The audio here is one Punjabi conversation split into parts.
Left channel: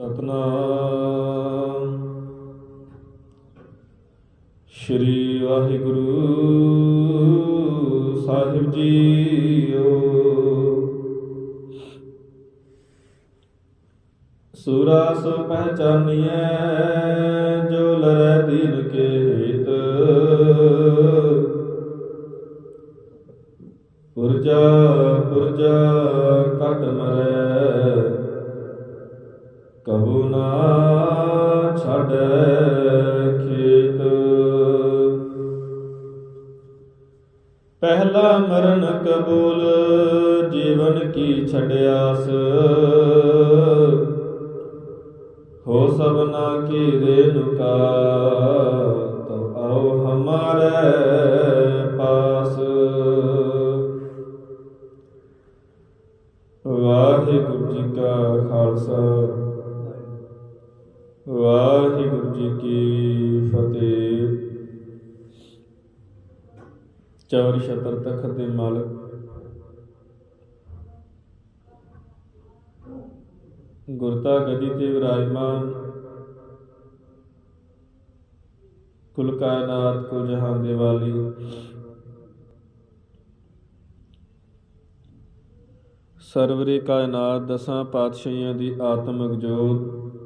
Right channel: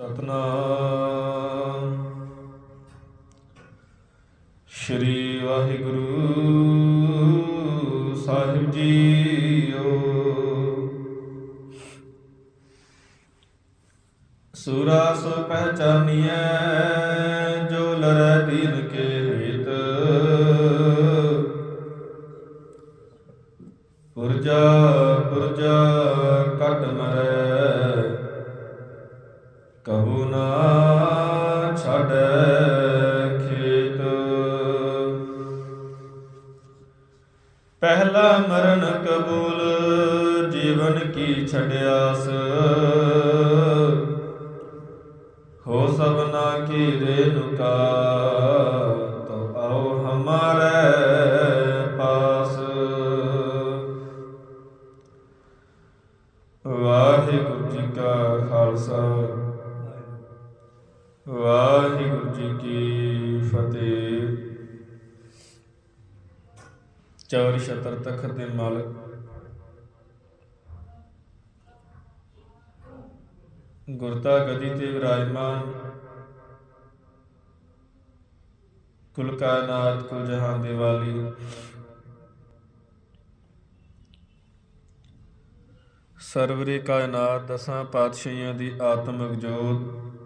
ਸਤਨਾਮ। ਸ਼੍ਰੀ ਵਾਹਿਗੁਰੂ ਸਾਹਿਬ ਜੀਓ। ਸੂਰਾ ਸੋ ਪਹਿਚਾਨੀਐ ਜੋ ਲਰੈ ਦੀਨ ਕੇ। ਖੇਤ ਪਹਿਲਾ ਮਰਨ ਕਬੂਲ ਜੀਵਨ ਕੀ ਛੜਿਆਸ ਚਾਰ ਸ਼ਤਰ ਤਖਤ ਦੇ ਮਾਲਕ। ਗੁਰਤਾ ਗਦੀ ਤੇ ਵਿਰਾਜਮਾਨ। ਕੁਲ ਕਾਇਨਾਤ, ਕੁਲ ਜਹਾਨ ਦੇ ਵਾਲੀ। ਸਰਵਰੀ ਕਾਇਨਾਤ, ਦਸਾਂ ਪਾਤਸ਼ਾਹੀਆਂ ਦੀ ਆਤਮਿਕ ਜੋਤ।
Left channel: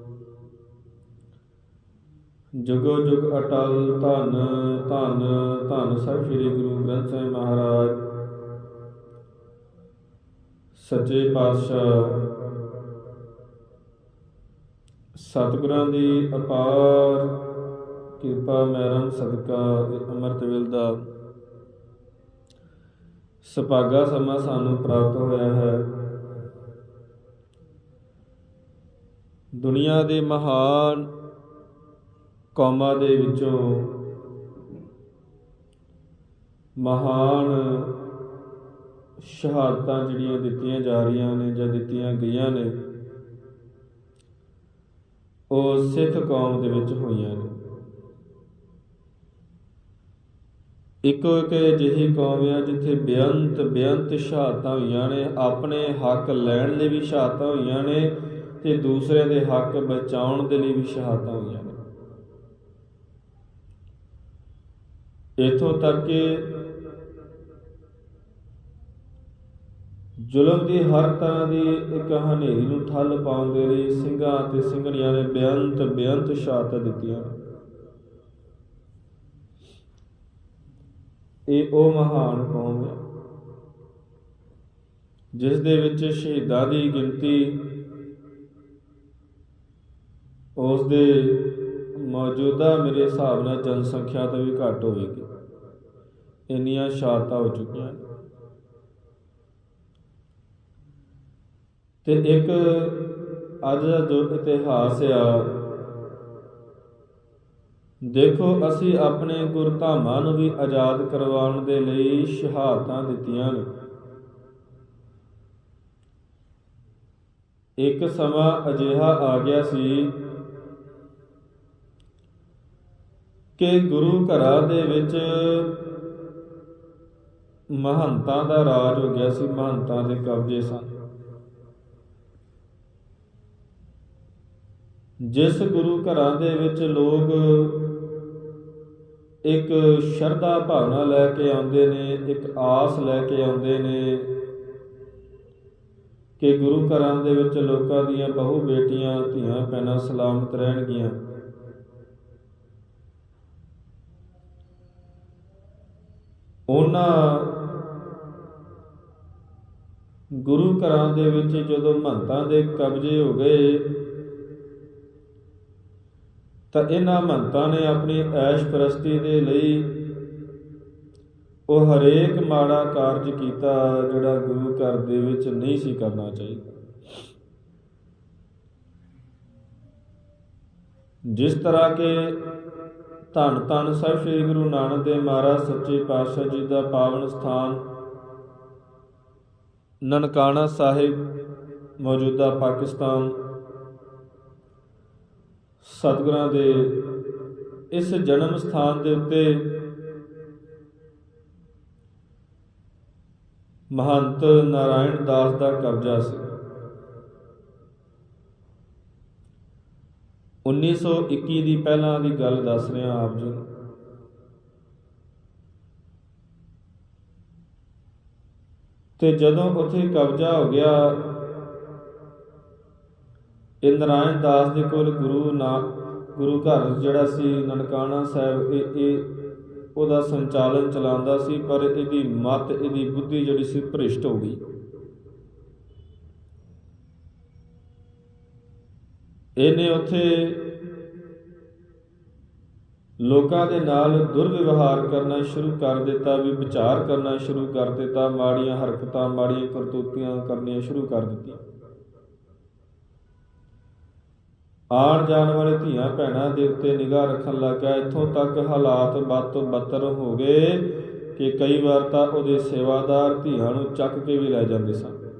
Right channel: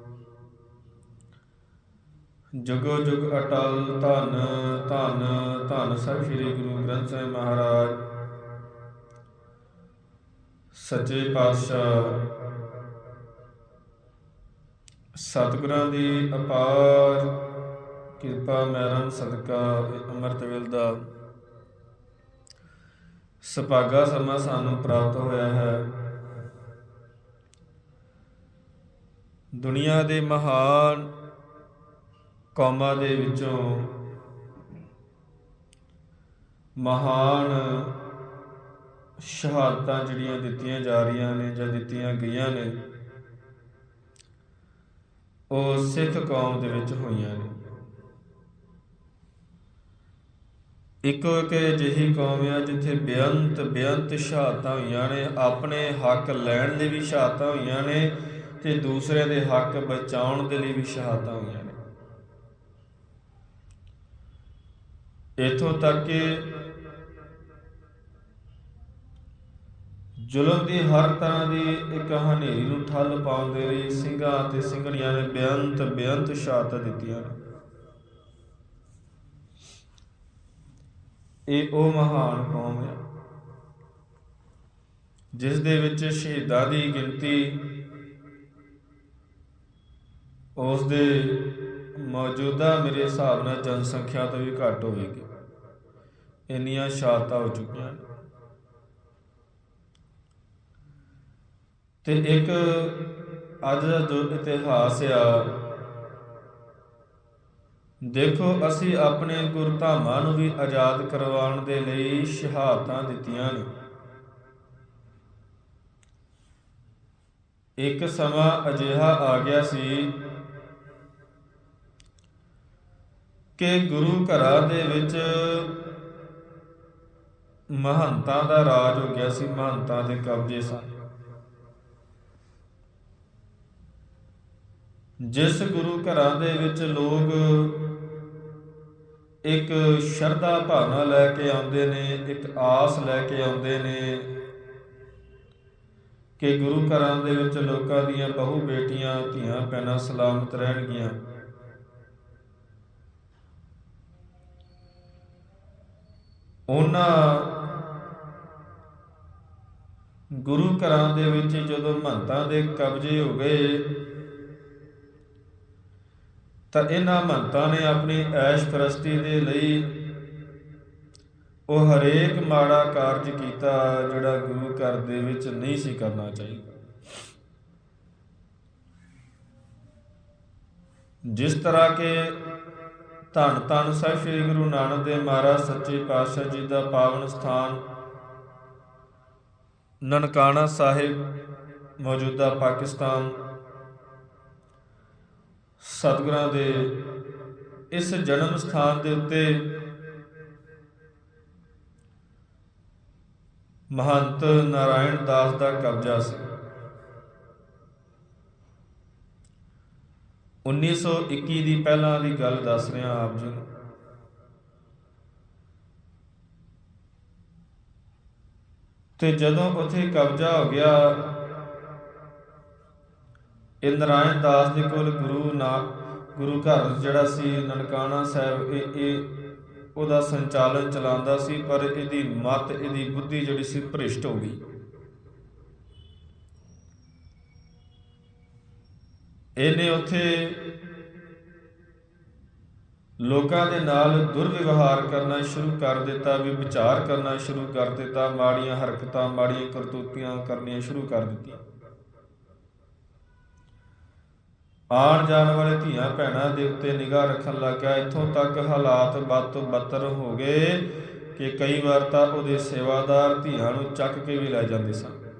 ਜੁਗੋ ਜੁਗ ਅਟਲ ਧੰਨ ਧੰਨ ਧੰਨ ਸਭ ਸ੍ਰੀ ਗੁਰੂ ਗ੍ਰੰਥ ਸਾਹਿਬ ਮਹਾਰਾਜ। ਸੱਚੇ ਪਾਤਸ਼ਾਹ, ਸਤਿਗੁਰਾਂ ਦੀ ਅਪਾਰ ਕਿਰਪਾ ਮਹਿਰਮ ਸਦਕਾ ਇਹ ਅੰਮ੍ਰਿਤ ਵੇਲ ਦਾ ਸੁਭਾਗਾ ਸਮਾਂ ਸਾਨੂੰ ਪ੍ਰਾਪਤ ਹੋਇਆ ਹੈ। ਦੁਨੀਆ ਦੇ ਮਹਾਨ ਕੌਮਾਂ ਦੇ ਵਿੱਚੋਂ ਮਹਾਨ ਸ਼ਹਾਦਤਾਂ ਜਿਹੜੀਆਂ ਦਿੱਤੀਆਂ ਜਾ ਰਹੀਆਂ ਨੇ ਜਾਂ ਦਿੱਤੀਆਂ ਗਈਆਂ ਨੇ, ਉਹ ਸਿੱਖ ਕੌਮ ਦੇ ਵਿੱਚ ਹੋਈਆਂ ਨੇ। ਇੱਕੋ ਇੱਕ ਅਜਿਹੀ ਕੌਮ ਆ ਜਿੱਥੇ ਬੇਅੰਤ ਬੇਅੰਤ ਸ਼ਹਾਦਤਾਂ ਹੋਈਆਂ ਨੇ, ਆਪਣੇ ਹੱਕ ਲੈਣ ਦੇ ਵੀ ਸ਼ਹਾਦਤਾਂ ਹੋਈਆਂ ਨੇ ਤੇ ਦੂਸਰੇ ਦੇ ਹੱਕ ਬਚਾਉਣ ਦੇ ਲਈ ਵੀ ਸ਼ਹਾਦਤਾਂ ਹੋਈਆਂ ਨੇ ਇਥੋਂ ਤੱਕ ਕਿ ਜ਼ੁਲਮ ਦੀ ਹਰ ਤਰ੍ਹਾਂ ਦੀ ਇੱਕ ਹਨੇਰੀ ਨੂੰ ਠੱਲ ਪਾਉਣ ਦੇ ਲਈ ਸਿੰਘਾਂ ਤੇ ਸਿੰਘਣੀਆਂ ਨੇ ਬੇਅੰਤ ਬੇਅੰਤ ਸ਼ਹਾਦਤਾਂ ਦਿੱਤੀਆਂ ਇਹ ਉਹ ਮਹਾਨ ਕੌਮ ਹੈ, ਜਿਸ ਦੇ ਵਿੱਚ ਸ਼ਹੀਦਾਂ ਦੀ ਗਿਣਤੀ, ਉਸ ਦੇ ਮੌਜੂਦਾ ਮੇਰੇ ਹਿਸਾਬ ਨਾਲ ਜਨਸੰਖਿਆ ਤੋਂ ਵੀ ਘੱਟ ਹੋਵੇਗੀ। ਇੰਨੀਆਂ ਸ਼ਹਾਦਤਾਂ ਹੋ ਚੁੱਕੀਆਂ। ਤੇ ਇੱਕ ਅੱਜ ਦਾ ਜੋ ਇਤਿਹਾਸ ਆ। ਦੇਖੋ, ਅਸੀਂ ਆਪਣੇ ਗੁਰਧਾਮਾਂ ਨੂੰ ਵੀ ਆਜ਼ਾਦ ਕਰਵਾਉਣ ਦੇ ਲਈ ਸ਼ਹਾਦਤਾਂ ਦਿੱਤੀਆਂ ਨੇ। ਇੱਕ ਸਮਾਂ ਅਜਿਹਾ ਆ ਗਿਆ ਸੀ ਕਿ ਗੁਰੂ ਘਰਾਂ ਦੇ ਵਿੱਚ ਮਹੰਤਾਂ ਦਾ ਰਾਜ ਹੋ ਗਿਆ ਸੀ, ਮਹੰਤਾਂ ਦੇ ਕਬਜ਼ੇ ਸੀ ਜਿਸ ਗੁਰੂ ਘਰਾਂ ਦੇ ਵਿੱਚ ਲੋਕ ਇੱਕ ਸ਼ਰਧਾ ਭਾਵਨਾ ਲੈ ਕੇ ਆਉਂਦੇ ਨੇ, ਇੱਕ ਆਸ ਲੈ ਕੇ ਆਉਂਦੇ ਨੇ ਕਿ ਗੁਰੂ ਘਰਾਂ ਦੇ ਵਿੱਚ ਲੋਕਾਂ ਦੀਆਂ ਬਹੁ ਬੇਟੀਆਂ, ਧੀਆਂ, ਭੈਣਾਂ ਸਲਾਮਤ ਰਹਿਣਗੀਆਂ। ਉਹਨਾਂ ਗੁਰੂ ਘਰਾਂ ਦੇ ਵਿੱਚ ਜਦੋਂ ਮਹੰਤਾਂ ਦੇ ਕਬਜ਼ੇ ਹੋ ਗਏ, ਤਾਂ ਇਹਨਾਂ ਮਹੰਤਾਂ ਨੇ ਆਪਣੀ ਐਸ਼ ਪ੍ਰਸਤੀ ਦੇ ਲਈ ਉਹ ਹਰੇਕ ਮਾੜਾ ਕਾਰਜ ਕੀਤਾ ਜਿਹੜਾ ਗੁਰੂ ਘਰ ਦੇ ਵਿੱਚ ਨਹੀਂ ਸੀ ਕਰਨਾ ਚਾਹੀਦਾ। ਜਿਸ ਤਰ੍ਹਾਂ ਕਿ ਧੰਨ ਧੰਨ ਸਾਹਿਬ ਸ੍ਰੀ ਗੁਰੂ ਨਾਨਕ ਦੇਵ ਮਹਾਰਾਜ, ਸੱਚੇ ਪਾਤਸ਼ਾਹ ਜੀ ਦਾ ਪਾਵਨ ਸਥਾਨ ਨਨਕਾਣਾ ਸਾਹਿਬ ਮੌਜੂਦਾ ਪਾਕਿਸਤਾਨ। ਸਤਿਗੁਰਾਂ ਦੇ ਇਸ ਜਨਮ ਸਥਾਨ ਦੇ ਉੱਤੇ ਮਹੰਤ ਨਾਰਾਇਣ ਦਾਸ ਦਾ ਕਬਜ਼ਾ ਸੀ। 1921 ਦੀ ਪਹਿਲਾਂ ਦੀ ਗੱਲ ਦੱਸ ਰਿਹਾ ਆਪ ਜੀ ਨੂੰ ਤੇ ਜਦੋਂ ਉੱਥੇ ਕਬਜ਼ਾ ਹੋ ਗਿਆ ਇਹ ਨਾਰਾਇਣ ਦਾਸ ਦੇ ਕੋਲ ਗੁਰੂ ਨਾ, ਗੁਰੂ ਘਰ ਜਿਹੜਾ ਸੀ, ਨਨਕਾਣਾ ਸਾਹਿਬ, ਇਹ ਇਹ ਉਹਦਾ ਸੰਚਾਲਨ ਚਲਾਉਂਦਾ ਸੀ, ਪਰ ਇਹਦੀ ਮਤ, ਇਹਦੀ ਬੁੱਧੀ ਜਿਹੜੀ ਸੀ, ਭ੍ਰਿਸ਼ਟ ਹੋ ਗਈ। ਇਹਨੇ ਉੱਥੇ ਲੋਕਾਂ ਦੇ ਨਾਲ ਦੁਰਵਿਵਹਾਰ ਕਰਨਾ ਸ਼ੁਰੂ ਕਰ ਦਿੱਤਾ ਵੀ ਵਿਚਾਰ ਕਰਨਾ ਸ਼ੁਰੂ ਕਰ ਦਿੱਤਾ, ਮਾੜੀਆਂ ਹਰਕਤਾਂ, ਮਾੜੀਆਂ ਕਰਤੂਤੀਆਂ ਕਰਨੀਆਂ ਸ਼ੁਰੂ ਕਰ ਦਿੱਤੀਆਂ। ਆਉਣ ਜਾਣ ਵਾਲੇ ਧੀਆਂ ਭੈਣਾਂ ਦੇ ਉੱਤੇ ਨਿਗਾਹ ਰੱਖਣ ਲੱਗਾ, ਇੱਥੋਂ ਤੱਕ ਹਾਲਾਤ ਵੱਧ ਤੋਂ ਬੱਤਰ ਹੋ ਗਏ ਕਿ ਕਈ ਵਾਰ ਤਾਂ ਉਹਦੇ ਸੇਵਾਦਾਰ ਧੀਆਂ ਨੂੰ ਚੱਕ ਕੇ ਵੀ ਲੈ ਜਾਂਦੇ ਸਨ।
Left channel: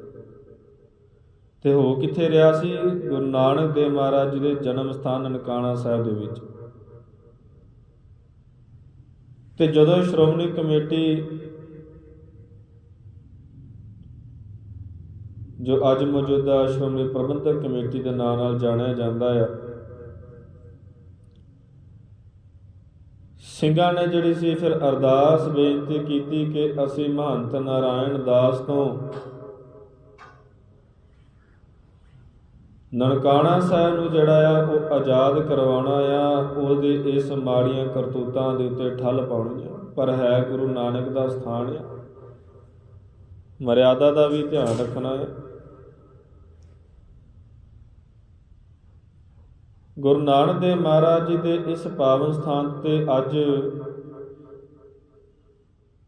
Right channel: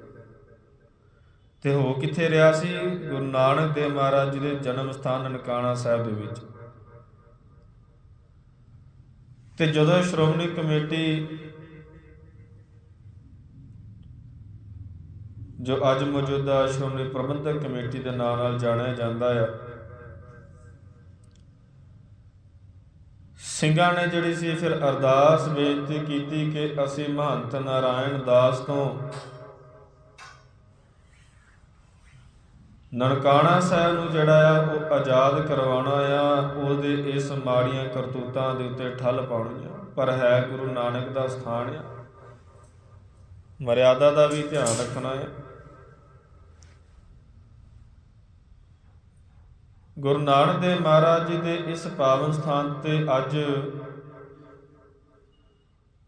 ਤੇ ਹੋ ਕਿੱਥੇ ਰਿਹਾ ਸੀ? ਗੁਰੂ ਨਾਨਕ ਦੇਵ ਮਹਾਰਾਜ ਜੀ ਦੇ ਜਨਮ ਸਥਾਨ ਨਨਕਾਣਾ ਸਾਹਿਬ ਦੇ ਵਿੱਚ। ਤੇ ਜਦੋਂ ਸ਼੍ਰੋਮਣੀ ਕਮੇਟੀ ਜੋ ਅੱਜ ਮੌਜੂਦਾ ਸ਼੍ਰੋਮਣੀ ਪ੍ਰਬੰਧਕ ਕਮੇਟੀ ਦੇ ਨਾਂ ਨਾਲ ਜਾਣਿਆ ਜਾਂਦਾ ਹੈ ਸਿੰਘਾਂ ਨੇ ਜਿਹੜੀ ਸੀ ਫਿਰ ਅਰਦਾਸ ਬੇਨਤੀ ਕੀਤੀ ਕਿ ਅਸੀਂ ਮਹੰਤ ਨਾਰਾਇਣ ਦਾਸ ਤੋਂ ਨਨਕਾਣਾ ਸਾਹਿਬ ਨੂੰ ਜਿਹੜਾ ਆ, ਉਹ ਆਜ਼ਾਦ ਕਰਵਾਉਣਾ ਆ, ਉਹਦੇ ਇਸ ਮਾੜੀਆਂ ਕਰਤੂਤਾਂ ਦੇ ਉੱਤੇ ਠੱਲ ਪਾਉਣੀ ਆ। ਪਰ ਹੈ ਗੁਰੂ ਨਾਨਕ ਦਾ ਸਥਾਨ ਮਰਿਆਦਾ ਦਾ ਵੀ ਧਿਆਨ ਰੱਖਣਾ ਹੈ ਗੁਰੂ ਨਾਨਕ ਦੇਵ ਮਹਾਰਾਜ ਜੀ ਦੇ ਇਸ ਪਾਵਨ ਸਥਾਨ ਤੇ ਅੱਜ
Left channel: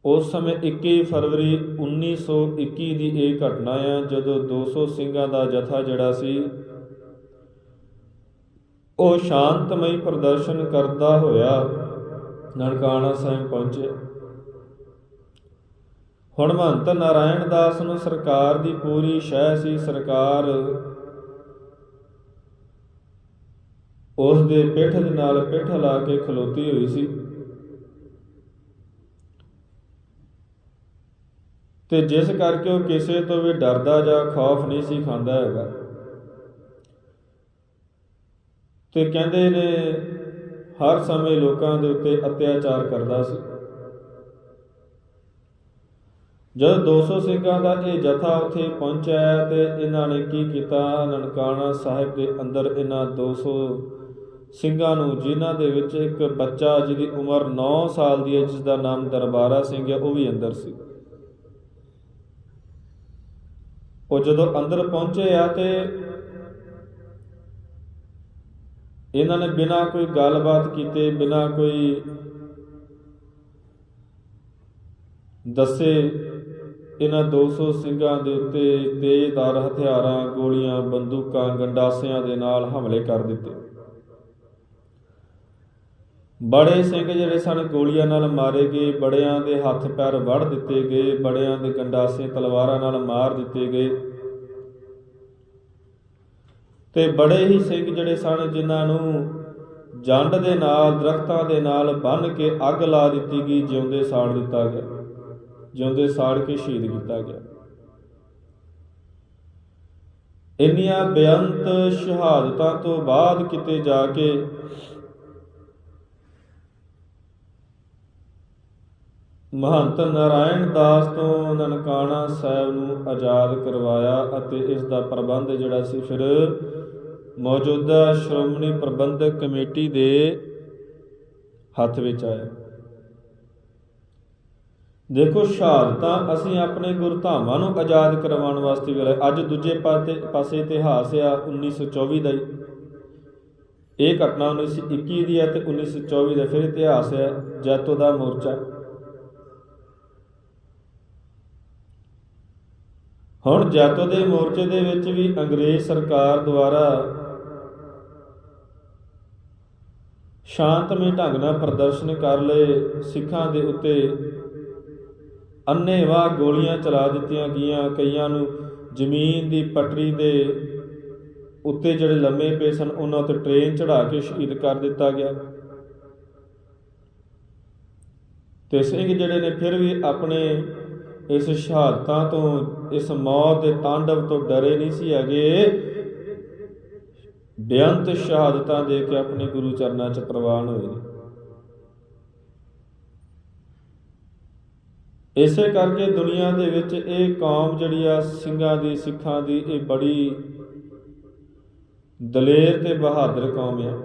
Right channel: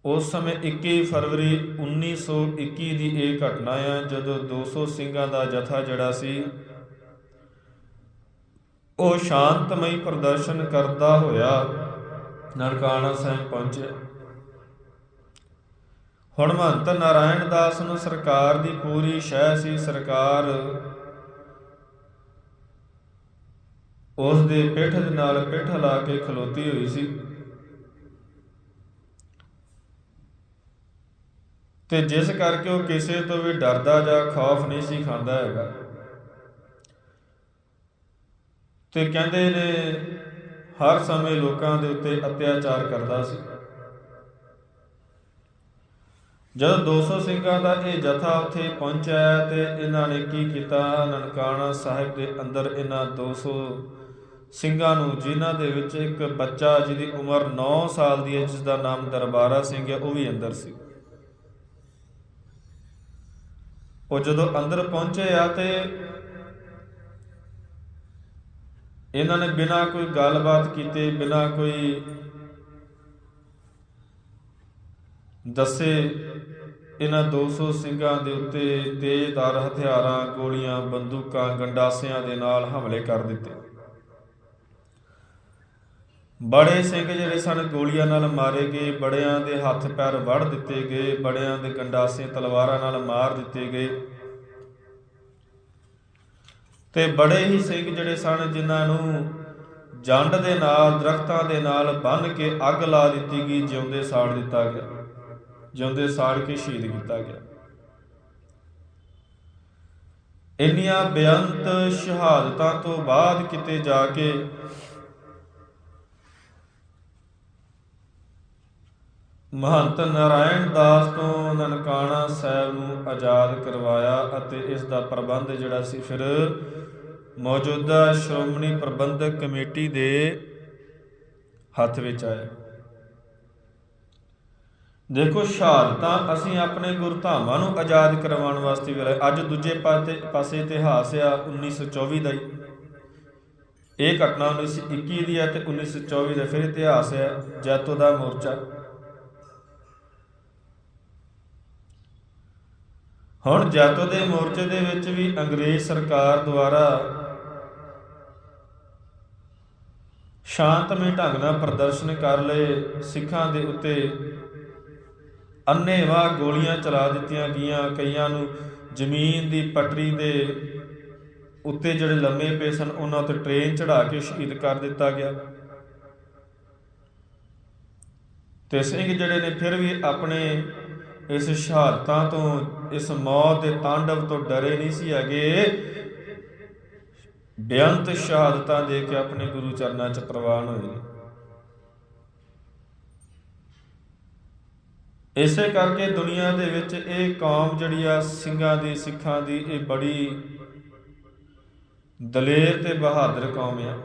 ਉਸ ਸਮੇਂ 21 ਫਰਵਰੀ 1921 ਦੀ ਇਹ ਘਟਨਾ ਆ, ਜਦੋਂ 200 ਸਿੰਘਾਂ ਦਾ ਜਥਾ ਜਿਹੜਾ ਸੀ ਉਹ ਸ਼ਾਂਤਮਈ ਪ੍ਰਦਰਸ਼ਨ ਕਰਦਾ ਹੋਇਆ ਨਰਕਾਣਾ ਸਾਹਿਬ ਪਹੁੰਚਿਆ ਹੁਣ ਮਹੰਤ ਨਾਰਾਇਣ ਦਾਸ ਨੂੰ ਸਰਕਾਰ ਦੀ ਪੂਰੀ ਸ਼ਹਿ ਸੀ, ਸਰਕਾਰ ਉਸ ਦੇ ਪਿੱਠ ਦੇ ਨਾਲ ਪਿੱਠ ਲਾ ਕੇ ਖਲੋਤੀ ਹੋਈ ਸੀ। ਤੇ ਜਿਸ ਕਰਕੇ ਉਹ ਕਿਸੇ ਤੋਂ ਵੀ ਡਰਦਾ ਜਾਂ ਖੌਫ ਨਹੀਂ ਸੀ ਖਾਂਦਾ ਹੈਗਾ। ਤੇ ਕਹਿੰਦੇ ਨੇ, ਹਰ ਸਮੇਂ ਲੋਕਾਂ ਦੇ ਉੱਤੇ ਅਤਿਆਚਾਰ ਕਰਦਾ ਸੀ। ਜਦੋਂ 200 ਸਿੰਘਾਂ ਦਾ ਇਹ ਜਥਾ ਉੱਥੇ ਪਹੁੰਚਿਆ ਤੇ ਇਹਨਾਂ ਨੇ ਕੀ ਕੀਤਾ? ਨਨਕਾਣਾ ਸਾਹਿਬ ਦੇ ਅੰਦਰ ਇਹਨਾਂ 200 ਸਿੰਘਾਂ ਨੂੰ, ਜਿਨ੍ਹਾਂ ਦੇ ਵਿੱਚ ਇੱਕ ਬੱਚਾ ਜਿਹਦੀ ਉਮਰ 9 ਸਾਲ ਦੀ ਹੈ ਜਿਸ ਦਾ ਨਾਮ ਦਰਬਾਰਾ ਸਿੰਘ ਹੈ, ਉਹ ਵੀ ਅੰਦਰ ਸੀ। ਉਹ ਜਦੋਂ ਅੰਦਰ ਪਹੁੰਚੇ ਆ ਤੇ ਇਹਨਾਂ ਨੇ ਬਿਨਾਂ ਕੋਈ ਗੱਲਬਾਤ ਕੀਤੇ, ਬਿਨਾਂ ਕੋਈ ਦੱਸੇ, ਇਹਨਾਂ 200 ਸਿੰਘਾਂ ਦੇ ਉੱਤੇ ਤੇਜ਼ਧਾਰ ਹਥਿਆਰਾਂ, ਗੋਲੀਆਂ, ਬੰਦੂਕਾਂ, ਗੰਡਾਸਿਆਂ ਦੇ ਨਾਲ ਹਮਲੇ ਕਰ ਦਿੱਤੇ। ਬੜੇ ਸਿੰਘ ਜਿਹੜੇ ਸਨ, ਗੋਲੀਆਂ ਨਾਲ ਮਾਰੇ ਗਏ, ਬੜਿਆਂ ਦੇ ਹੱਥ ਪੈਰ ਵੜ ਦਿੱਤੇ ਗਏ, ਬੜਿਆਂ ਦੇ ਗੰਡਾਸੇ, ਤਲਵਾਰਾਂ ਨਾਲ ਮਾਰ ਦਿੱਤੇ ਗਏ। ਤੇ ਬੜੇ ਹੀ ਸਿੰਘ ਜਿਹੜੇ ਸਨ, ਜਿਨ੍ਹਾਂ ਨੂੰ ਜੰਡ ਦੇ ਨਾਲ, ਦਰਖਤਾਂ ਦੇ ਨਾਲ ਬੰਨ ਕੇ ਅੱਗ ਲਾ ਦਿੱਤੀ ਗਈ, ਜਿਉਂਦੇ ਸਾੜ ਦਿੱਤਾ ਗਿਆ। ਜਿਉਂਦੇ ਸਾੜ ਕੇ ਸ਼ਹੀਦ ਕੀਤਾ ਗਿਆ। ਇੰਨੀਆਂ ਬੇਅੰਤ ਸ਼ਹਾਦਤਾਂ ਤੋਂ ਬਾਅਦ ਕਿਤੇ ਜਾ ਕੇ ਮਹੰਤ ਨਾਰਾਇਣ ਦਾਸ ਤੋਂ ਨਨਕਾਣਾ ਸਾਹਿਬ ਨੂੰ ਆਜ਼ਾਦ ਕਰਵਾਇਆ ਅਤੇ ਇਸ ਦਾ ਪ੍ਰਬੰਧ ਜਿਹੜਾ ਸੀ, ਫਿਰ ਮੌਜੂਦਾ ਸ਼੍ਰੋਮਣੀ ਪ੍ਰਬੰਧਕ ਕਮੇਟੀ ਦੇ ਹੱਥ ਵਿੱਚ ਆਇਆ। ਦੇਖੋ, ਸ਼ਹਾਦਤਾਂ ਅਸੀਂ ਆਪਣੇ ਗੁਰਧਾਮਾਂ ਨੂੰ ਆਜ਼ਾਦ ਕਰਵਾਉਣ ਵਾਸਤੇ ਵੇਲੇ ਅੱਜ ਦੂਜੇ ਪਾਸੇ ਪਾਸੇ ਇਤਿਹਾਸ ਆ 1924 ਦਾ ਹੀ। ਇਹ ਘਟਨਾ 1921 ਦੀ ਹੈ ਤੇ 1924 ਦਾ ਫਿਰ ਇਤਿਹਾਸ ਹੈ ਜੈਤੋ ਦਾ ਮੋਰਚਾ। ਹੁਣ ਜੈਤੋ ਦੇ ਮੋਰਚੇ ਦੇ ਵਿੱਚ ਵੀ ਅੰਗਰੇਜ਼ ਸਰਕਾਰ ਦੁਆਰਾ ਸ਼ਾਂਤਮਈ ਢੰਗ ਨਾਲ ਪ੍ਰਦਰਸ਼ਨ ਕਰ ਲਏ, ਸਿੱਖਾਂ ਦੇ ਉੱਤੇ ਅੰਨੇਵਾਹ ਗੋਲੀਆਂ ਚਲਾ ਦਿੱਤੀਆਂ ਗਈਆਂ, ਕਈਆਂ ਨੂੰ ਜ਼ਮੀਨ ਦੀ ਪਟੜੀ ਦੇ ਉੱਤੇ ਜਿਹੜੇ ਲੰਮੇ ਪਏ ਸਨ, ਉਹਨਾਂ ਤੇ ਟ੍ਰੇਨ ਚੜਾ ਕੇ ਸ਼ਹੀਦ ਕਰ ਦਿੱਤਾ ਗਿਆ। ਤੇ ਸਿੰਘ ਜਿਹੜੇ ਨੇ ਫਿਰ ਵੀ ਆਪਣੇ ਇਸ ਸ਼ਹਾਦਤਾਂ ਤੋਂ, ਇਸ ਮੌਤ ਦੇ ਤਾਂਡਵ ਤੋਂ ਡਰੇ ਨਹੀਂ ਸੀ ਹੈਗੇ। ਬੇਅੰਤ ਸ਼ਹਾਦਤਾਂ ਦੇ ਕੇ ਆਪਣੇ ਗੁਰੂ ਚਰਨਾਂ 'ਚ ਪ੍ਰਵਾਨ ਹੋਏ। ਇਸੇ ਕਰਕੇ ਦੁਨੀਆ ਦੇ ਵਿੱਚ ਇਹ ਕੌਮ ਜਿਹੜੀ ਆ ਸਿੰਘਾਂ ਦੀ ਸਿੱਖਾਂ ਦੀ ਇਹ ਬੜੀ ਦਲੇਰ ਤੇ ਬਹਾਦਰ ਕੌਮ ਆ।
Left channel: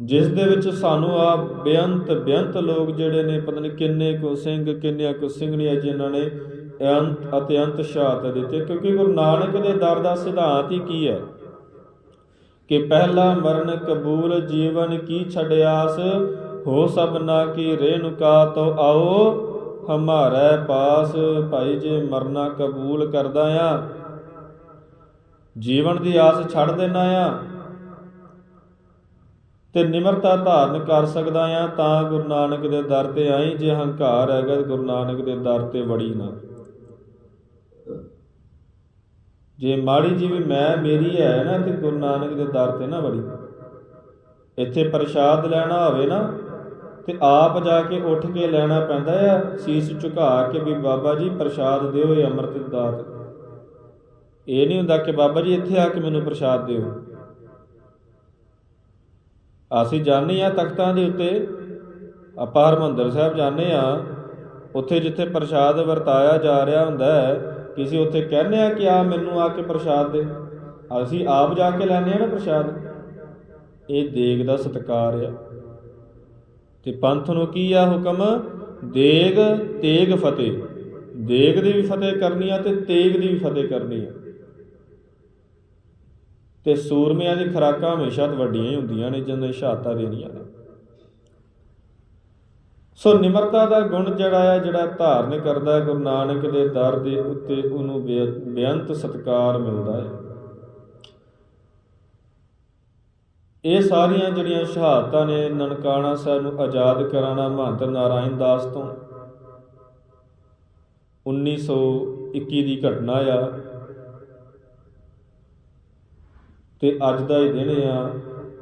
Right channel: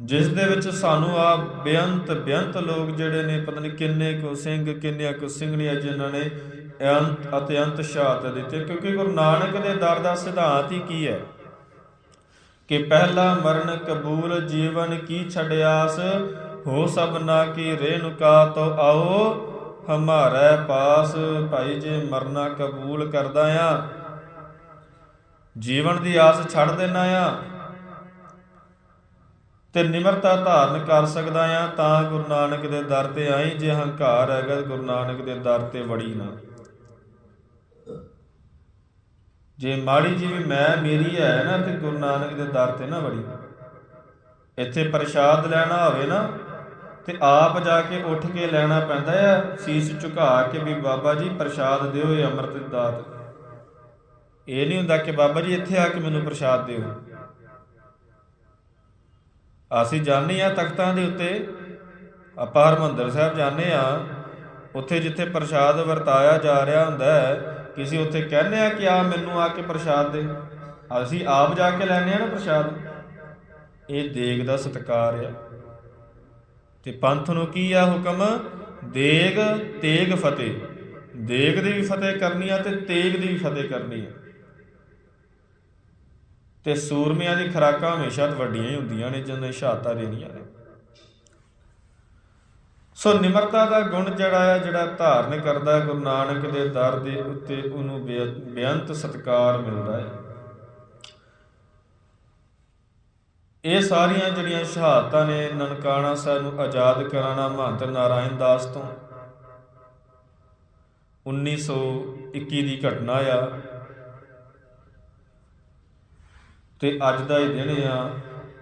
ਜਿਸ ਦੇ ਵਿੱਚ ਸਾਨੂੰ ਆ ਬੇਅੰਤ ਬੇਅੰਤ ਲੋਕ ਜਿਹੜੇ ਨੇ ਪਤਾ ਨਹੀਂ ਕਿੰਨੇ ਕੁ ਸਿੰਘ ਕਿੰਨੇ ਕੁ ਸਿੰਘਣੀਆਂ ਜਿਨ੍ਹਾਂ ਨੇ ਅੰਤ ਅਤੇ ਅੰਤ ਸ਼ਹਾਦਤ ਦਿੱਤੇ। ਕਿਉਂਕਿ ਗੁਰੂ ਨਾਨਕ ਦੇ ਦਰ ਦਾ ਸਿਧਾਂਤ ਹੀ ਕੀ ਹੈ ਕਿ ਪਹਿਲਾ ਮਰਨ ਕਬੂਲ ਜੀਵਨ ਕੀ ਛੜਿਆਸ ਹੋ ਸਭਨਾ ਕੀ ਰੇਨੁਕਾ ਤੋ ਆਓ, ਹਮਾਰੇ ਪਾਸ। ਭਾਈ ਜੇ ਮਰਨਾ ਕਬੂਲ ਕਰਦਾ ਆ, ਜੀਵਨ ਦੀ ਆਸ ਛੱਡ ਦੇਣਾ ਆ। ਤੇ ਨਿਮਰਤਾ ਧਾਰਨ ਕਰ ਸਕਦਾ ਆ, ਤਾਂ ਗੁਰੂ ਨਾਨਕ ਦੇ ਦਰ ਤੇ ਆਈ, ਜੇ ਹੰਕਾਰ ਹੈਗਾ ਗੁਰੂ ਨਾਨਕ ਦੇ ਦਰ ਤੇ ਵੜੀ ਨਾ। ਜੇ ਮਾੜੀ ਜੀ ਮੈਂ ਮੇਰੀ ਹੈ ਨਾ ਤੇ ਗੁਰੂ ਨਾਨਕ ਦੇ ਦਰ ਤੇ ਨਾ ਵੜੀ। ਇੱਥੇ ਪ੍ਰਸ਼ਾਦ ਲੈਣਾ ਹੋਵੇ ਨਾ ਤੇ ਆਪ ਜਾ ਕੇ ਉੱਠ ਕੇ ਲੈਣਾ ਪੈਂਦਾ ਆ, ਸੀਸ ਝੁਕਾ ਕੇ ਵੀ ਬਾਬਾ ਜੀ ਪ੍ਰਸ਼ਾਦ ਦਿਓ ਇਹ ਅੰਮ੍ਰਿਤ ਦਾਤ। ਇਹ ਨਹੀਂ ਹੁੰਦਾ ਕਿ ਬਾਬਾ ਜੀ ਇੱਥੇ ਆ ਕੇ ਮੈਨੂੰ ਪ੍ਰਸ਼ਾਦ ਦਿਓ। ਅਸੀਂ ਜਾਂਦੇ ਆ ਤਖਤਾਂ ਦੇ ਉੱਤੇ। ਆਪਾਂ ਹਰਮੰਦਰ ਸਾਹਿਬ ਜਾਂਦੇ ਆ ਉੱਥੇ ਜਿੱਥੇ ਪ੍ਰਸ਼ਾਦ ਵਰਤਾਇਆ ਜਾ ਰਿਹਾ ਹੁੰਦਾ ਹੈ ਕਿਸੇ ਉੱਥੇ ਕਹਿੰਦੇ ਆ ਕਿ ਆ ਮੈਨੂੰ ਆ ਕੇ ਪ੍ਰਸ਼ਾਦ ਦੇ। ਅਸੀਂ ਆਪ ਜਾ ਕੇ ਲੈਣੇ ਆ ਨਾ ਪ੍ਰਸ਼ਾਦ। ਇਹ ਦੇਗ ਦਾ ਸਤਕਾਰ ਆ। ਤੇ ਪੰਥ ਨੂੰ ਕੀ ਆ ਹੁਕਮ? ਦੇਗ, ਤੇਗ, ਫਤਿਹ। ਦੇਗ ਦੀ ਵੀ ਫਤਿਹ ਕਰਨੀ ਆ ਤੇ ਤੇਗ ਦੀ ਵੀ ਫਤਿਹ ਕਰਨੀ ਆ। ਤੇ ਸੂਰਮਿਆਂ ਦੀ ਖਰਾਕਾਂ ਹਮੇਸ਼ਾ ਵੱਡੀਆਂ ਹੀ ਹੁੰਦੀਆਂ ਨੇ ਜਦੋਂ ਸ਼ਹਾਦਤਾਂ ਰਹਿੰਦੀਆਂ ਨੇ। ਸੋ ਨਿਮਰਤਾ ਦਾ ਗੁਣ ਜਿਹੜਾ ਆ ਜਿਹੜਾ ਧਾਰਨ ਕਰਦਾ ਗੁਰੂ ਨਾਨਕ ਦੇ ਦਰ ਦੇ ਉੱਤੇ ਉਹਨੂੰ ਬੇ- ਬੇਅੰਤ ਸਤਕਾਰ ਮਿਲਦਾ ਹੈ। ਇਹ ਸਾਰੀਆਂ ਜਿਹੜੀਆਂ ਸ਼ਹਾਦਤਾਂ ਨੇ ਨਨਕਾਣਾ ਸਾਹਿਬ ਨੂੰ ਆਜ਼ਾਦ ਕਰਾਣਾ ਮਹੰਤ ਨਾਰਾਇਣ ਦਾਸ ਤੋਂ। 1921 ਦੀ ਘਟਨਾ ਆ। ਤੇ ਅੱਜ ਦਾ ਇਹ ਦਿਨ ਆ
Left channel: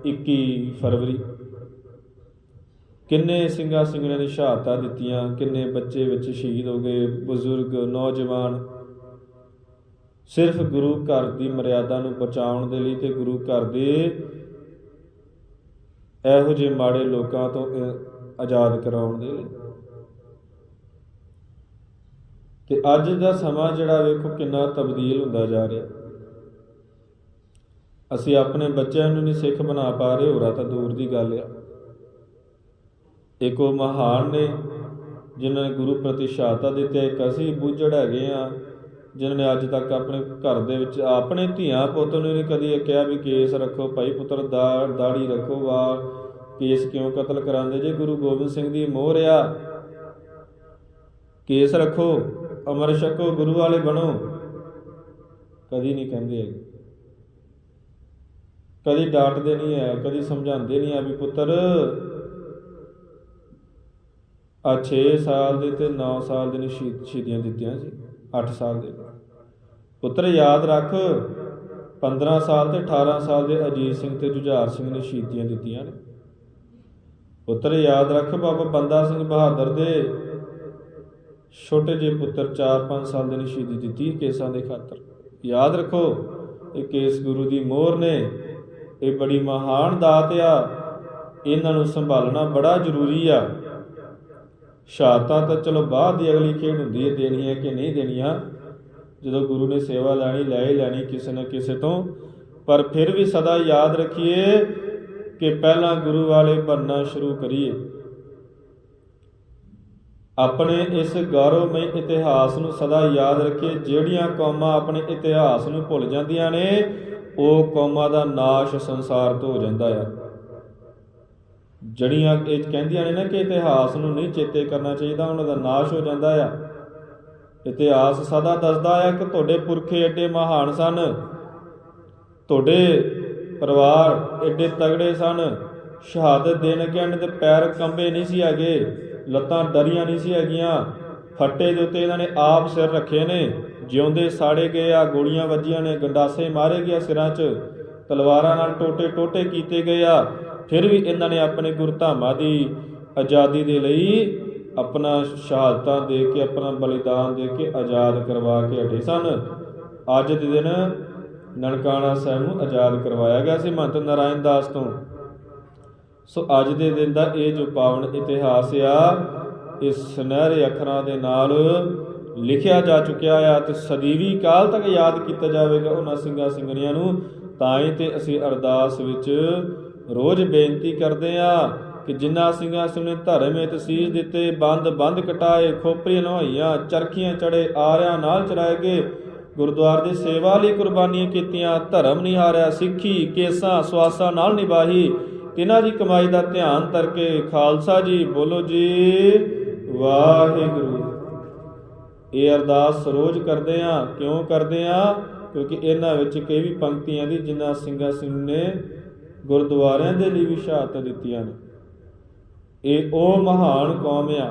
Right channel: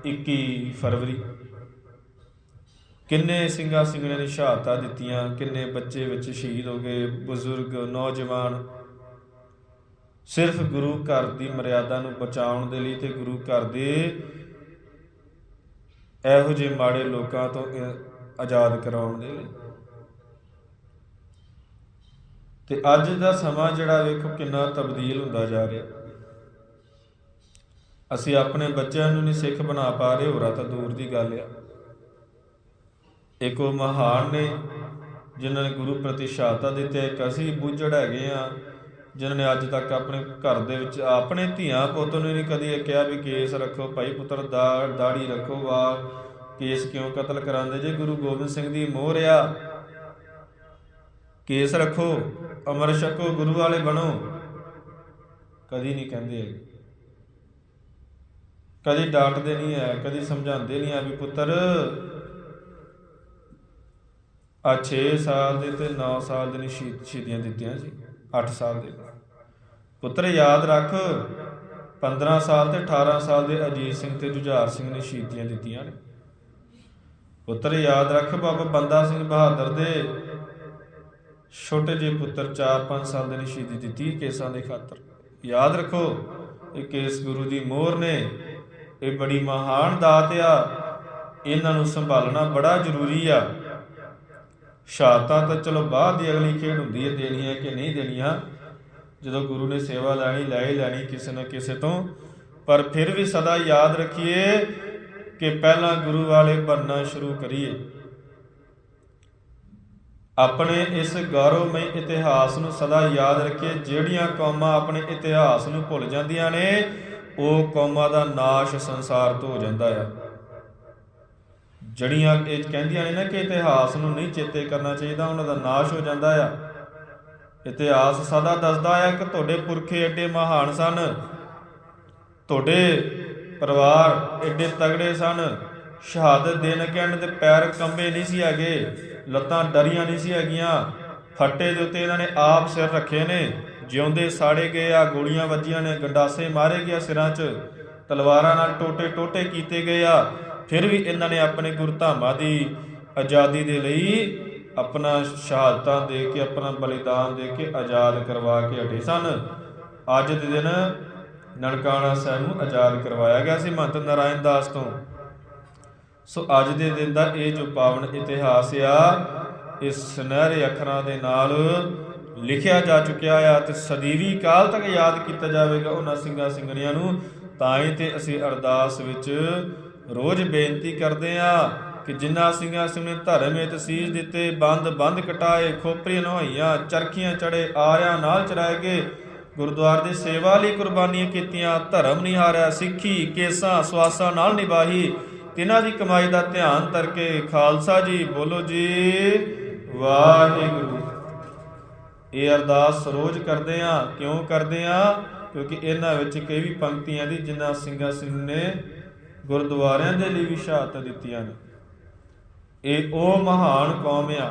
21 ਫਰਵਰੀ। ਕਿੰਨੇ ਸਿੰਘਾਂ ਸਿੰਘਾਂ ਨੇ ਸ਼ਹਾਦਤਾਂ ਦਿੱਤੀਆਂ, ਕਿੰਨੇ ਬੱਚੇ ਵਿੱਚ ਸ਼ਹੀਦ ਹੋ ਗਏ, ਬਜ਼ੁਰਗ, ਨੌਜਵਾਨ। ਸਿਰਫ ਗੁਰੂ ਘਰ ਦੀ ਮਰਿਆਦਾ ਨੂੰ ਬਚਾਉਣ ਦੇ ਲਈ ਤੇ ਗੁਰੂ ਘਰ ਦੇ ਇਹੋ ਜਿਹੇ ਮਾੜੇ ਲੋਕਾਂ ਤੋਂ ਆਜ਼ਾਦ ਕਰਾਉਣ ਦੇ ਲਈ। ਤੇ ਅੱਜ ਦਾ ਸਮਾਂ ਜਿਹੜਾ ਵੇਖੋ ਕਿੰਨਾ ਤਬਦੀਲ ਹੁੰਦਾ ਜਾ ਰਿਹਾ। ਅਸੀਂ ਆਪਣੇ ਬੱਚਿਆਂ ਨੂੰ ਨਹੀਂ ਸਿੱਖ ਬਣਾ ਪਾ ਰਹੇ, ਹੋਰਾਂ ਤਾਂ ਦੂਰ ਦੀ ਗੱਲ ਹੈ ਇੱਕ ਉਹ ਮਹਾਨ ਨੇ, ਜਿਨ੍ਹਾਂ ਨੇ ਗੁਰੂ ਪ੍ਰਤੀ ਸ਼ਹਾਦਤ ਦਿੱਤੀ, ਇੱਕ ਅਸੀਂ ਬੁੱਝੜ ਹੈਗੇ ਆ ਜਿਨ੍ਹਾਂ ਨੇ ਅੱਜ ਤੱਕ ਆਪਣੇ ਘਰ ਦੇ ਵਿੱਚ, ਆਪਣੇ ਧੀਆਂ ਪੁੱਤ ਨੂੰ ਨਹੀਂ ਕਦੀ ਇਹ ਕਿਹਾ ਵੀ ਕੇਸ ਰੱਖੋ, ਭਾਈ ਪੁੱਤਰ ਦਾ, ਦਾੜੀ ਰੱਖੋ ਵਾ ਕੇਸ ਕਿਉਂ ਕਤਲ ਕਰਾਉਂਦੇ ਜੇ ਗੁਰੂ ਗੋਬਿੰਦ ਸਿੰਘ ਦੀ ਮੋਹਰ ਆ ਕੇਸ ਰੱਖੋ, ਅਮਰ ਛਕੋ, ਗੁਰੂ ਵਾਲੇ ਬਣੋ ਕਦੀ ਨਹੀਂ ਕਹਿੰਦੇ ਹੈਗੇ। ਕਦੀ ਡਾਂਟਦੇ ਨਹੀਂ ਹੈ, ਕਦੀ ਸਮਝਾਉਂਦੇ ਨਹੀਂ ਹੈ ਵੀ ਪੁੱਤਰ ਆ 6 ਸਾਲ ਦੇ ਤੇ 9 ਸਾਲ ਦੇ ਨੇ ਸ਼ਹੀਦ- ਸ਼ਹੀਦੀਆਂ ਦਿੱਤੀਆਂ ਸੀ 8 ਸਾਲ ਦੇ ਪੁੱਤਰ ਯਾਦ ਰੱਖ 15 ਸਾਲ ਤੇ 18 ਸਾਲ ਦੇ ਅਜੀਤ ਸਿੰਘ ਤੇ ਜੁਝਾਰ ਸਿੰਘ ਨੇ ਸ਼ਹੀਦੀਆਂ ਦਿੱਤੀਆਂ ਨੇ। ਪੁੱਤਰ ਯਾਦ ਰੱਖ ਬਾਬਾ ਬੰਦਾ ਸਿੰਘ ਬਹਾਦਰ ਦੇ। ਛੋਟੇ ਜਿਹੇ ਪੁੱਤਰ 4-5 ਸਾਲ ਦੇ ਨੇ ਸ਼ਹੀਦੀ ਦਿੱਤੀ ਕੇਸਾਂ ਦੇ ਖਾਤਰ। ਯਾਦ ਰੱਖੋ, ਇਹ ਕੇਸ ਗੁਰੂ ਦੀ ਮੋਹਰ ਨੇ। ਇਹ ਬੜੀ ਮਹਾਨ ਦਾਤ ਆ। ਇਹਨਾਂ ਨੂੰ ਸੰਭਾਲਣਾ ਬੜਾ ਜ਼ਰੂਰੀ ਆ। ਸ਼ਹਾਦਤਾਂ ਤਾਂ ਚਲੋ ਬਾਅਦ ਦੀ ਅਗਲੀ ਖੇਡ ਹੁੰਦੀ ਹੈ, ਦੇਣੀਆਂ ਕਿ ਨਹੀਂ ਦੇਣੀਆਂ। ਜਦੋਂ ਗੁਰੂ ਨੇ ਸੇਵਾ ਲੈਣੀ, ਲੈ ਲੈਣੀ ਕਿਸੇ ਨਾ ਕਿਸੇ ਤੋਂ। ਪਰ ਫਿਰ ਵੀ ਸਦਾ ਯਾਦ ਰੱਖੀਏ ਕਿ ਪਹਿਲਾਂ ਗੁਰੂ ਵਾਲੇ ਬਣਨਾ ਸ਼ੁਰੂ ਕਰੀਏ। ਆਪਣੇ ਇਸ ਗੌਰਵਮਈ ਇਤਿਹਾਸ ਨੂੰ ਸਦਾ ਯਾਦ ਰੱਖੀਏ। ਜਿਹੜੀਆਂ ਕੌਮਾਂ ਆਪਣੇ ਇਤਿਹਾਸ ਨੂੰ ਭੁੱਲ ਜਾਂਦੀਆਂ ਨੇ, ਉਹ ਕੌਮਾਂ ਦਾ ਨਾਸ਼ ਸੰਸਾਰ ਤੋਂ ਹੋ ਜਾਂਦਾ ਹੈ। ਜੜੀਆਂ ਇਹ ਕਹਿੰਦੀਆਂ ਨੇ ਨਾ ਕਿ ਇਤਿਹਾਸ ਨੂੰ ਨਹੀਂ ਚੇਤੇ ਕਰਨਾ ਚਾਹੀਦਾ, ਉਹਨਾਂ ਦਾ ਨਾਸ਼ ਹੋ ਜਾਂਦਾ ਆ। ਇਤਿਹਾਸ ਸਦਾ ਦੱਸਦਾ ਆ ਕਿ ਤੁਹਾਡੇ ਪੁਰਖੇ ਐਡੇ ਮਹਾਨ ਸਨ, ਤੁਹਾਡੇ ਪਰਿਵਾਰ ਐਡੇ ਤਗੜੇ ਸਨ, ਸ਼ਹਾਦਤ ਦੇਣ ਕਹਿਣ ਤੇ ਪੈਰ ਕੰਬੇ ਨਹੀਂ ਸੀ ਹੈਗੇ, ਲੱਤਾਂ ਡਰੀਆਂ ਨਹੀਂ ਸੀ ਹੈਗੀਆਂ, ਫੱਟੇ ਦੇ ਉੱਤੇ ਇਹਨਾਂ ਨੇ ਆਪ ਸਿਰ ਰੱਖੇ ਨੇ, ਜਿਉਂਦੇ ਸਾੜੇ ਗਏ ਆ, ਗੋਲੀਆਂ ਵੱਜੀਆਂ ਨੇ, ਗੰਡਾਸੇ ਮਾਰੇ ਗਏ ਸਿਰਾਂ 'ਚ, ਤਲਵਾਰਾਂ ਨਾਲ ਟੋਟੇ ਟੋਟੇ ਕੀਤੇ ਗਏ ਆ। ਫਿਰ ਵੀ ਇਹਨਾਂ ਨੇ ਆਪਣੇ ਗੁਰਧਾਮਾਂ ਦੀ ਆਜ਼ਾਦੀ ਦੇ ਲਈ ਆਪਣਾ ਸ਼ਹਾਦਤਾਂ ਦੇ ਕੇ, ਆਪਣਾ ਬਲੀਦਾਨ ਦੇ ਕੇ ਆਜ਼ਾਦ ਕਰਵਾ ਕੇ ਹਟੇ ਸਨ। ਅੱਜ ਦੇ ਦਿਨ ਨਨਕਾਣਾ ਸਾਹਿਬ ਨੂੰ ਆਜ਼ਾਦ ਕਰਵਾਇਆ ਗਿਆ ਸੀ ਮਹੰਤ ਨਾਰਾਇਣ ਦਾਸ ਤੋਂ। ਸੋ ਅੱਜ ਦੇ ਦਿਨ ਦਾ ਇਹ ਜੋ ਪਾਵਨ ਇਤਿਹਾਸ ਆ, ਇਸ ਸੁਨਹਿਰੇ ਅੱਖਰਾਂ ਦੇ ਨਾਲ ਲਿਖਿਆ ਜਾ ਚੁੱਕਿਆ ਆ ਤੇ ਸਦੀਵੀ ਕਾਲ ਤੱਕ ਯਾਦ ਕੀਤਾ ਜਾਵੇਗਾ ਉਹਨਾਂ ਸਿੰਘਾਂ ਸਿੰਘਣੀਆਂ ਨੂੰ, ਤਾਂ ਹੀ ਤੇ ਅਸੀਂ ਅਰਦਾਸ ਵਿੱਚ ਰੋਜ਼ ਬੇਨਤੀ ਕਰਦੇ ਆ ਕਿ ਜਿਨ੍ਹਾਂ ਸਿੰਘਾਂ ਸਿੰਘੇ ਧਰਮ ਵਿੱਚ ਸੀਸ ਦਿੱਤੇ, ਬੰਦ ਬੰਦ ਕਟਾਏ ਖੋਪਰੀਆਂ ਨਹਾਈਆਂ, ਚਰਖੀਆਂ ਚੜੇ, ਆਰਿਆਂ ਨਾਲ ਚਲਾਏ ਗਏ, ਗੁਰਦੁਆਰੇ ਦੀ ਸੇਵਾ ਲਈ ਕੁਰਬਾਨੀਆਂ ਕੀਤੀਆਂ, ਧਰਮ ਨਿਹਾਰਿਆ ਸਿੱਖੀ, ਕੇਸਾਂ, ਸਵਾਸਾਂ ਨਾਲ ਨਿਭਾਈ, ਤਿਨਾਂ ਦੀ ਕਮਾਈ ਦਾ ਧਿਆਨ ਕਰਕੇ ਖਾਲਸਾ ਜੀ ਬੋਲੋ ਜੀ, ਵਾਹਿਗੁਰੂ। ਇਹ ਅਰਦਾਸ ਰੋਜ਼ ਕਰਦੇ ਆ, ਕਿਉਂ ਕਰਦੇ ਆ? ਕਿਉਂਕਿ ਇਹਨਾਂ ਵਿੱਚ ਕਈ ਵੀ ਪੰਕਤੀਆਂ ਦੀ ਜਿਨ੍ਹਾਂ ਸਿੰਘਾਂ ਸਿੰਘ ਨੇ ਗੁਰਦੁਆਰਿਆਂ ਦੇ ਲਈ ਵੀ ਸ਼ਹਾਦਤਾਂ ਦਿੱਤੀਆਂ ਨੇ। ਇਹ ਉਹ ਮਹਾਨ ਕੌਮ ਆ,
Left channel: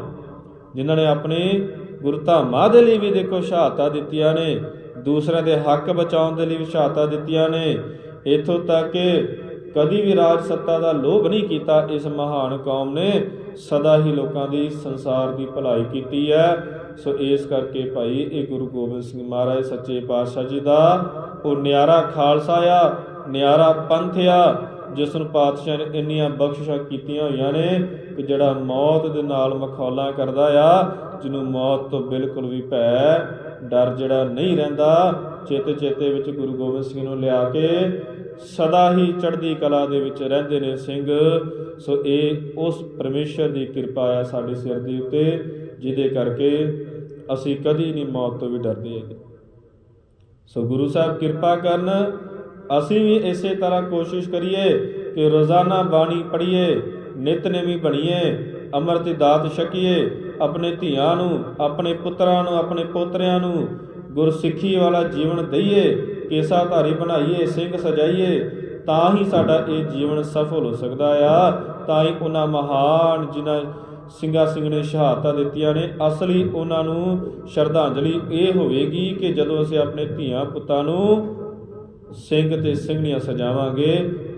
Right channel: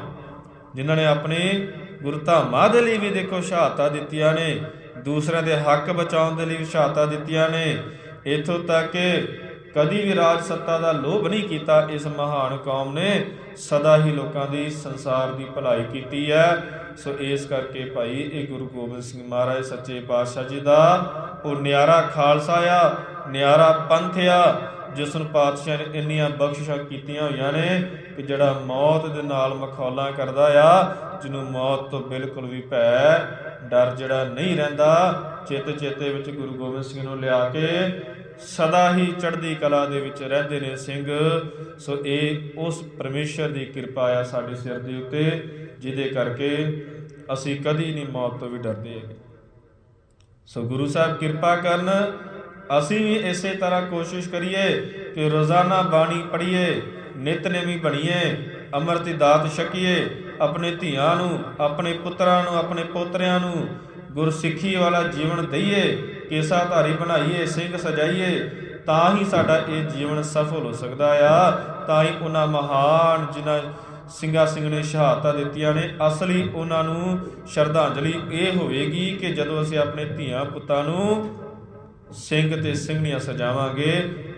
ਜਿਨ੍ਹਾਂ ਨੇ ਆਪਣੇ ਗੁਰਧਾਮਾਂ ਦੇ ਲਈ ਵੀ ਦੇਖੋ ਸ਼ਹਾਦਤਾਂ ਦਿੱਤੀਆਂ ਨੇ, ਦੂਸਰਿਆਂ ਦੇ ਹੱਕ ਬਚਾਉਣ ਦੇ ਲਈ ਵੀ ਸ਼ਹਾਦਤਾਂ ਦਿੱਤੀਆਂ ਨੇ। ਇਥੋਂ ਤੱਕ ਕਿ ਕਦੀ ਵੀ ਰਾਜ ਸੱਤਾ ਦਾ ਲੋਭ ਨਹੀਂ ਕੀਤਾ ਇਸ ਮਹਾਨ ਕੌਮ ਨੇ। ਸਦਾ ਹੀ ਲੋਕਾਂ ਦੀ ਸੰਸਾਰ ਦੀ ਭਲਾਈ ਕੀਤੀ ਹੈ। ਸੋ ਇਸ ਕਰਕੇ ਭਾਈ ਇਹ ਗੁਰੂ ਗੋਬਿੰਦ ਸਿੰਘ ਮਹਾਰਾਜ ਸੱਚੇ ਪਾਤਸ਼ਾਹ ਜੀ ਦਾ, ਉਹ ਨਿਆਰਾ ਖਾਲਸਾ ਆ, ਨਿਆਰਾ ਪੰਥ ਆ ਜਿਸ ਨੂੰ ਪਾਤਸ਼ਾਹ ਨੇ ਇੰਨੀਆਂ ਬਖਸ਼ਿਸ਼ਾਂ ਕੀਤੀਆਂ ਹੋਈਆਂ ਨੇ ਕਿ ਜਿਹੜਾ ਮੌਤ ਦੇ ਨਾਲ ਮਖੌਲਾਂ ਕਰਦਾ ਆ, ਜਿਹਨੂੰ ਮੌਤ ਤੋਂ ਬਿਲਕੁਲ ਵੀ ਭੈ, ਡਰ ਜਿਹੜਾ ਨਹੀਂ ਰਹਿੰਦਾ, ਚੇਤੇ ਚੇਤੇ ਵਿੱਚ ਗੁਰੂ ਗੋਬਿੰਦ ਸਿੰਘ ਨੂੰ ਲਿਆ ਕੇ ਸਦਾ ਹੀ ਚੜ੍ਹਦੀ ਕਲਾ ਦੇ ਵਿੱਚ ਰਹਿੰਦੇ ਨੇ ਸਿੰਘ। ਸੋ ਇਹ ਉਸ ਪਰਮੇਸ਼ਰ ਦੀ ਕਿਰਪਾ ਆ ਸਾਡੇ ਸਿਰ ਦੇ ਉੱਤੇ, ਜਿਹਦੇ ਕਰਕੇ ਅਸੀਂ ਕਦੀ ਨਹੀਂ ਮੌਤ ਤੋਂ ਵੀ ਡਰਦੇ ਸੋ ਗੁਰੂ ਸਾਹਿਬ ਕਿਰਪਾ ਕਰਨ ਅਸੀਂ ਵੀ ਇਸੇ ਤਰ੍ਹਾਂ ਕੋਸ਼ਿਸ਼ ਕਰੀਏ ਕਿ ਰੋਜ਼ਾਨਾ ਬਾਣੀ ਪੜ੍ਹੀਏ ਨਿਤਨੇਮੀ ਬਣੀਏ ਅੰਮ੍ਰਿਤ ਦਾਤ ਛਕੀਏ, ਆਪਣੇ ਧੀਆਂ ਨੂੰ, ਆਪਣੇ ਪੁੱਤਰਾਂ ਨੂੰ, ਆਪਣੇ ਪੋਤਰਿਆਂ ਨੂੰ ਗੁਰਸਿੱਖੀ ਵਾਲਾ ਜੀਵਨ ਦਈਏ ਕੇਸਾਧਾਰੀ ਬਣਾਈਏ, ਸਿੰਘ ਸਜਾਈਏ, ਤਾਂ ਹੀ ਸਾਡਾ ਇਹ ਜੀਵਨ ਸਫਲ ਹੋ ਸਕਦਾ ਆ। ਤਾਂ ਹੀ ਉਹਨਾਂ ਮਹਾਨ ਜਿਨ੍ਹਾਂ ਸਿੰਘਾਂ ਸਿੰਘ ਨੇ ਸ਼ਹਾਦਤਾਂ ਦਿੱਤੀਆਂ ਨੇ, ਅਸਲੀ ਉਹਨਾਂ ਨੂੰ ਸ਼ਰਧਾਂਜਲੀ ਇਹ ਹੋਵੇਗੀ ਕਿ ਜਦੋਂ ਅਸੀਂ ਆਪਣੇ ਧੀਆਂ ਪੁੱਤਾਂ ਨੂੰ ਸਿੰਘ ਤੇ ਸਿੰਘੀਆਂ ਸਜਾਵਾਂਗੇ।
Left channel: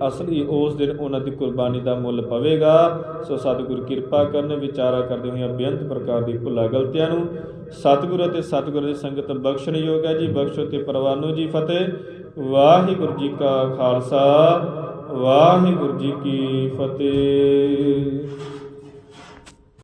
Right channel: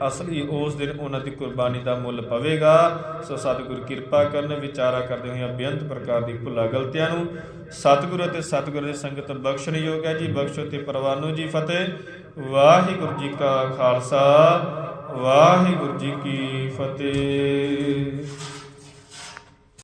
ਅਸਲੀ ਉਸ ਦਿਨ ਉਹਨਾਂ ਦੀ ਕੁਰਬਾਨੀ ਦਾ ਮੁੱਲ ਪਵੇਗਾ। ਸੋ ਸਤਿਗੁਰ ਕਿਰਪਾ ਕਰਨ, ਵਿਚਾਰਾ ਕਰਦੇ ਹੋਏ ਬੇਅੰਤ ਪ੍ਰਕਾਰ ਦੀ ਭੁੱਲਾਂ ਗਲਤੀਆਂ ਨੂੰ ਸਤਿਗੁਰ ਅਤੇ ਸਤਿਗੁਰ ਦੀ ਸੰਗਤ ਬਖਸ਼ਣ ਯੋਗ ਹੈ ਜੀ। ਬਖਸ਼ੋ ਤੇ ਪਰਵਾਨੋ ਜੀ ਫਤਿਹ। ਵਾਹਿਗੁਰੂ ਜੀ ਕਾ ਖਾਲਸਾ, ਵਾਹਿਗੁਰੂ ਜੀ ਕੀ ਫਤਿਹ।